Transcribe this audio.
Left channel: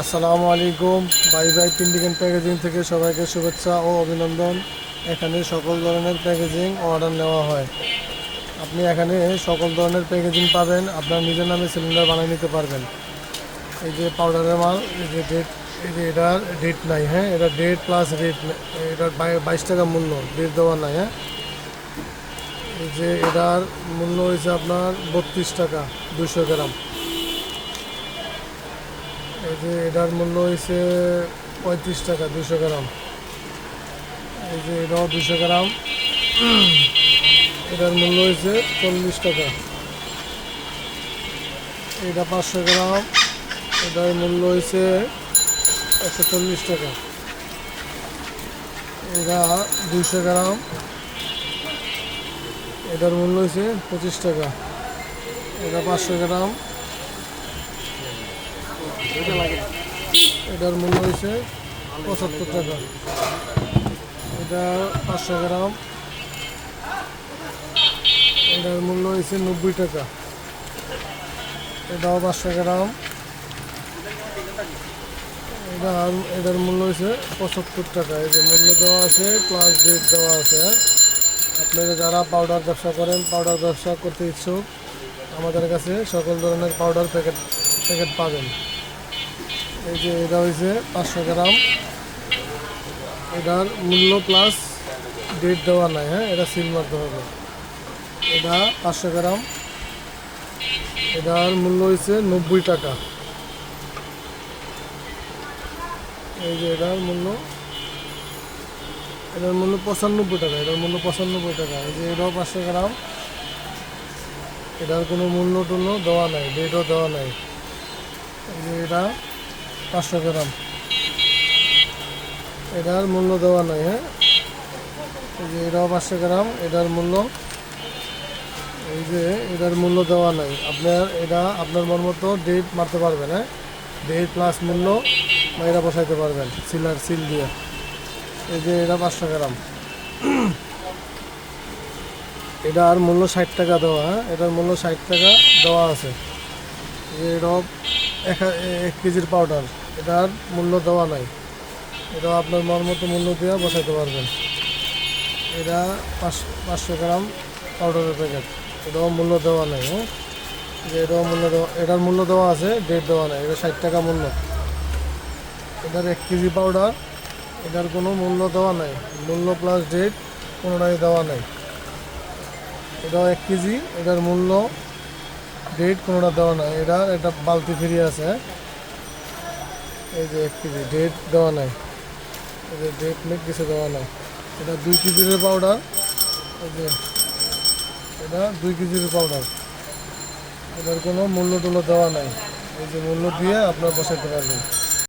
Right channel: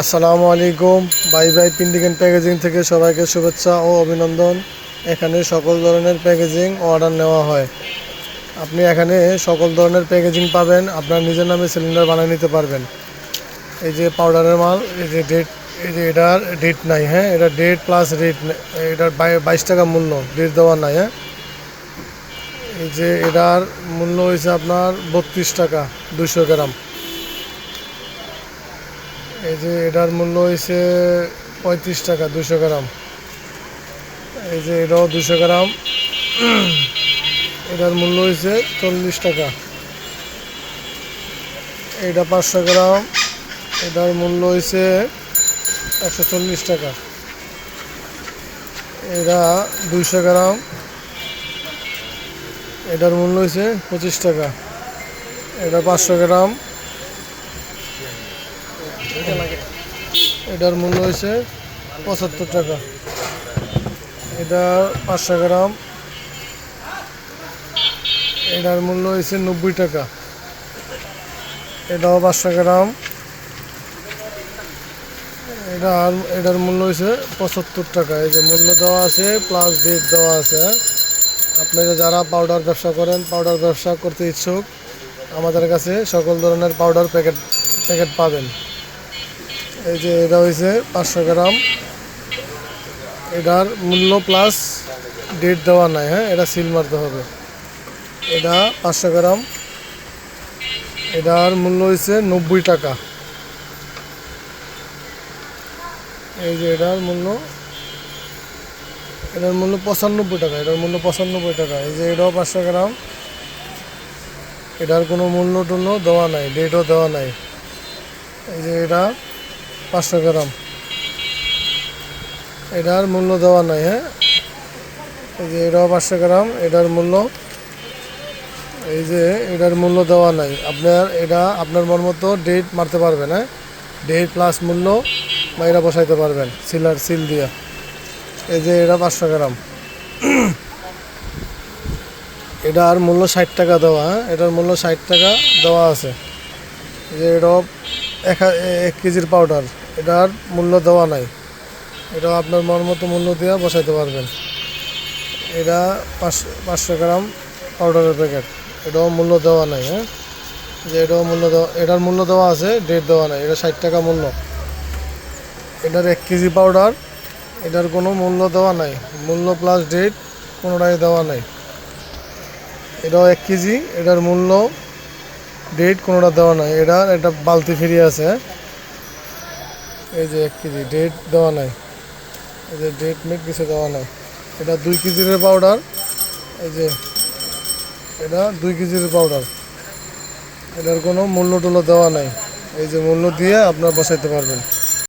আসসালামু আলাইকুম। Bye bye printing packaging থেকে সবাইকে শুভেচ্ছা ও অভিনন্দন। এখানে সকল ধরনের প্যাকেজিং অর্ডার নেওয়া হয়। আপনি এখানে সকল ধরনের প্যাকেজিং পাবেন। আপনার নিজের নামে সিলিন্ডার বানিয়ে নিতে পারবেন। এই যে পাউডারের মাল, এই যে ডেট, এই যে এটার ডেট নাই, হ্যাঁ, এটা ডেট প্লাস রেট, এটার 22 টাকা মূল্য, ডেট দেওয়া নাই। হ্যাঁ, এই যে এটার মূল্য হয়েছে আপনার 32 টাকা 200 গ্রাম। এই যে এটার মূল্য হয়েছে 35 টাকা 200 গ্রাম। এই যে এটাও 200 গ্রাম, এটার মূল্য হয়েছে 40 টাকা। এটা 500 গ্রাম, এটার মূল্য হয়েছে 140 টাকা। এটা 200 গ্রাম, এটার মূল্য হয়েছে 25 টাকা। এটা 500 গ্রাম, এটার মূল্য হয়েছে 75 টাকা। এটা 500 গ্রাম, এটার মূল্য হয়েছে 90 টাকা। এটাও 500 গ্রাম, এটার মূল্য হয়েছে 75 টাকা। এই যে মূল্য দেওয়া আছে প্লাস ডেট দেওয়া আছে। আপনারা যারা পাউডার ব্যবসা করেন, পাউডার ব্যবসা করতে ইচ্ছুক, আমাদের কাছে সকল ধরনের পাউডার প্যাকেট পাবেন। এই যে এটা হয়েছে 500 গ্রাম, এটার মূল্য প্লাস ডেট দেওয়া নাই। হ্যাঁ, এটা সিল মারতে হবে। এটা 500 গ্রাম, এটার মূল্য হয়েছে 90 টাকা। এই যে এটার মূল্য 95 টাকা, এটার মূল্য 95 টাকা। এই যে এটাও 500 গ্রাম, এটার কোনো মূল্য টুল্য দেওয়া নাই, ডেটও দেওয়া নাই। এই যে এটা 500 গ্রাম, এটার মূল্য দেওয়া নাই। হ্যাঁ, এই যে এটাও 500 গ্রাম, এটার মূল্য, এই যে এটার মূল্য দেওয়া নাই। এটা আপনার মন মতো ডেট মারতে পারবেন। হ্যাঁ, ডেট প্লাস মূল্য মাইরা বসাইতে পারবেন সিল দিয়ে। এই যে এটা 500 গ্রাম, এটার মূল্য 60 টাকা দেওয়া। হ্যাঁ, এটার মূল্য 60 টাকা দেওয়া আছে। যে এটাও 1 কেজির পাউডার, এটার মূল্য দেওয়া নাই। এটাও আপনার মন মতো মূল্য দিয়ে বসাইতে পারবেন। এটা 500 গ্রাম পাউডারের প্যাকেট, এটাও মূল্য দেওয়া নাই। হ্যাঁ, যে এটাও এটার মূল্য দেওয়া আছে, ডেট দেওয়া নাই। এটা 60 টাকা মূল্য। এটার 1 কেজি পাউডার, এটার কোনো মূল্য দেওয়া নাই, মূল্য প্লাস ডেট কোনোটাই দেওয়া নাই। এটাও 1 কেজি, এটার মূল্য ডেট কোনোটা দেওয়া নাই। এটা বালতি ফ্রি আছে। হ্যাঁ, এই যে 1 কেজি, ডেট দেওয়া নাই। এই যে ডেট মেট কিছু দেওয়া নাই। এটা 2 কেজির পাউডার, এই যে এটা 2 কেজির পাউডার, এটার কোনো মূল্য টুল্য দেওয়া নাই। এই যে মূল্য দিয়ে আপনারা বসাইতে পারবেন।